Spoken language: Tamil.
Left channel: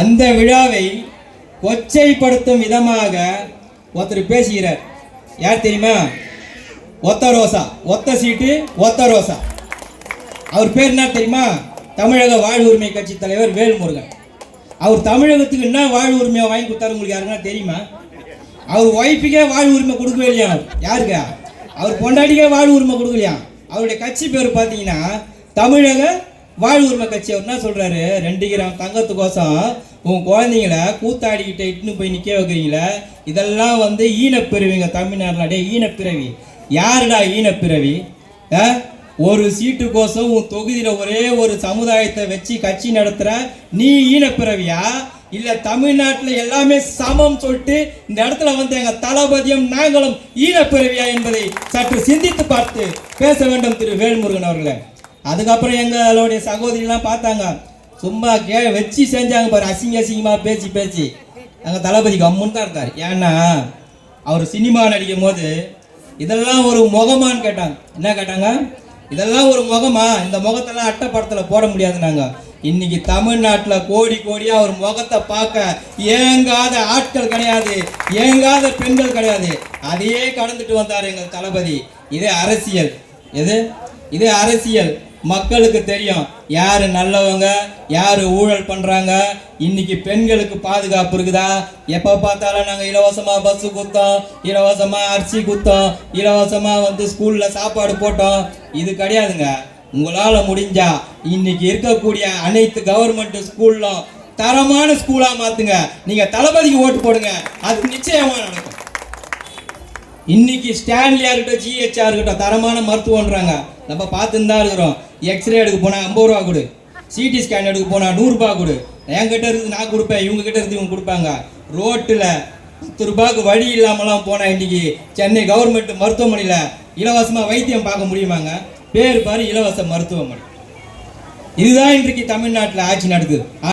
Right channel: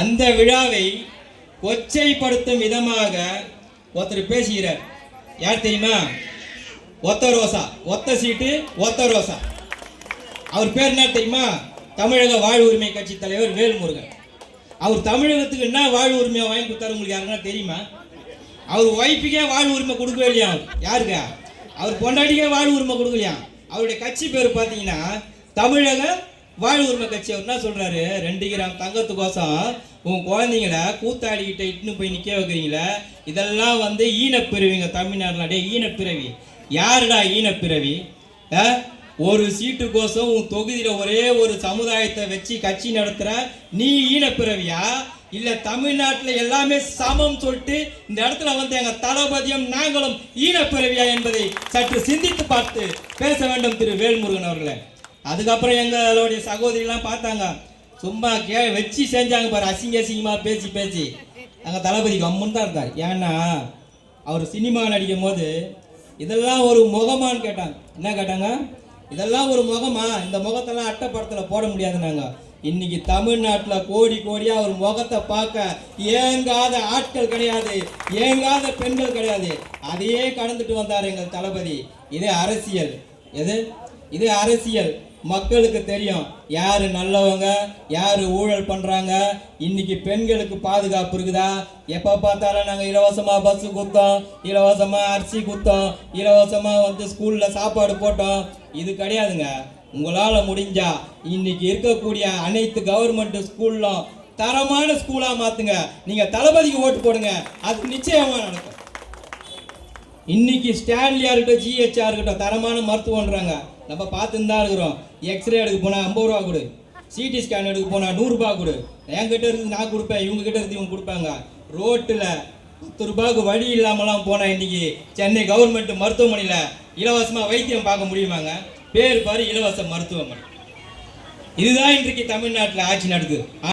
அந்த விழாவை கொச்சைப்படுத்தும் விதமாக ஒருத்தர் பேசுகிறார். யார் தெரியுமா? ஒத்த ரோசா. ஒத்த சீட்டு ஒத்த ரோசா. அவர் பேர் என்ன தெரியுமா? தமிழக வாழ் உரிமை கட்சி தலைவர் வேல்முருகன். அவர் தமிழகத்துக்கு என்ன வாழ் உரிமையை வாங்கி கொடுத்தாரு உங்களுக்கு யாருன்னா தெரியுமா? அவர் ஒய்ஃபுக்கே வாழ் உரிமை கொடுக்கவே இல்லையா யாருக்கா? அவர் பொண்டாட்டிக்கே வாழ் உரிமை கொடுக்கலையா? அவருடைய கட்சி பேர் பார்த்தீங்கன்னா தமிழக வாழ் உரிமை கட்சி அவர் என்ன சொல்கிறாரு ரெண்டு கிராம் தங்கத்துக்கோசம் உன் குழந்தைங்கள கூத்தாடிக்கிட்ட இட்டுன்னு போய் நிற்க வைக்கிறீங்களே இதெல்லாம் வந்து ஈனப்பிறவிங்க தமிழ்நாட்டில் டே ஈனப்பிறவி. யாருடா ஈனப்பிறவி? ஒரு சீட்டுக்கோசம் உன் தொகுதியில் ஒரே ஒரு சமுதாயத்தை வச்சு கட்சி நடத்துகிற நீ ஈனப்பிறவியா? இல்லை தமிழ்நாட்டில் எல்லாமே சமம் சொல்லிட்டு இந்த இடத்துல வந்து எங்கள் தளபதியும் நாங்களும் ஈனப்பிறவியா என்பதை சற்று சிந்தித்து பார்த்து பேச வேண்டும் திரு வேல்முருகன் அவர்களை. அதுக்கப்புறம் எங்களுடைய சகோதரிலாம் பார்த்தாங்க. சும்மா கே வச்சு செஞ்சாங்க பாரு அசிங்க அசிங்கமா பேச்சு பேச்சு. எங்கள் தளபதி கம்முன்னு தான் இருந்தார். ஏன்னா அவர் சினிமா நடிக்கும் போது இதெல்லாம் ஒரு முகமான்னு கேட்டாங்க. என்ன கேட்டாங்க? இதெல்லாம் ஒரு முகமா? இந்த முகத்தெல்லாம் அட்டைப்படத்தில் போட முடியாதுனாங்க இன்னைக்கு தமிழ்நாட்டில் கோடி கோடியாக ஒரு முகத்தை பார்க்க ஏங்காத ஆட்கள் கிடையாது. ஏங்காத பெண்கள் கிடையாது. அதையே கடந்துட்டு வந்தார் எங்கள் தளபதி. இதே அரசியல். எது? இதே அரசியல். மக்களுக்கு தெரியும். யார் நல்லவங்க யார் ஊழல் பண்ணுறாங்க இன்னைக்கு பெண்களுக்கு பாதுகாப்பு இருக்குதா? எப்போ பார்த்தாலும் நாங்கள் இலவசமாக பஸ்ஸு குத்தோம் இலவசமாக அரிசி குத்தோம் இலவசமாக வந்து ஸ்கூலில் சாப்பாடு போட்டோம். இது கிடையாதுங்க. உங்களால் முடிஞ்சா இன்னைக்கு இருக்கக்கூடிய அனைத்து கவர்மெண்ட் ஸ்கூல்லும் தரமான ஸ்கூலாக மாற்றுங்க நீங்கள் தளபதிக்கு ஓட்டு போடுங்க. அது நிச்சயமாக நடக்கும். இன்னைக்கு ஸ்டான்லியா இருக்கட்டும் ஜிஹெச்ஆ இருக்கட்டும் தரமான மருத்துவம்ன்றாங்க. நம்ம பார்த்துன்னு தான் இருக்கிறோம். எக்ஸ்ரே எடுக்க போனால் ஐம்பது ரூபா கொடு. சிடி ஸ்கேன் எடுக்க போனால் நூறுரூபா கொடு. என்கிட்ட இருந்து நான் கொடுப்பேன் இவங்க கிட்ட இருந்து இவங்க கொடுப்பாங்க. ரோட்டில் பத்து ரூபாய்க்கு வழி இல்லாமலாம் போனால் இன்னைக்கு சென்னை கவர்மெண்ட் மருத்துவமனையில் இலவசமாக வைத்தியம் பார்க்க முடியுமாங்க? பேர் பாரு இலவச மருத்துவமனை. இதுதான் இன்றைக்கு தமிழ்நாட்டில் ஆட்சி நடக்குது.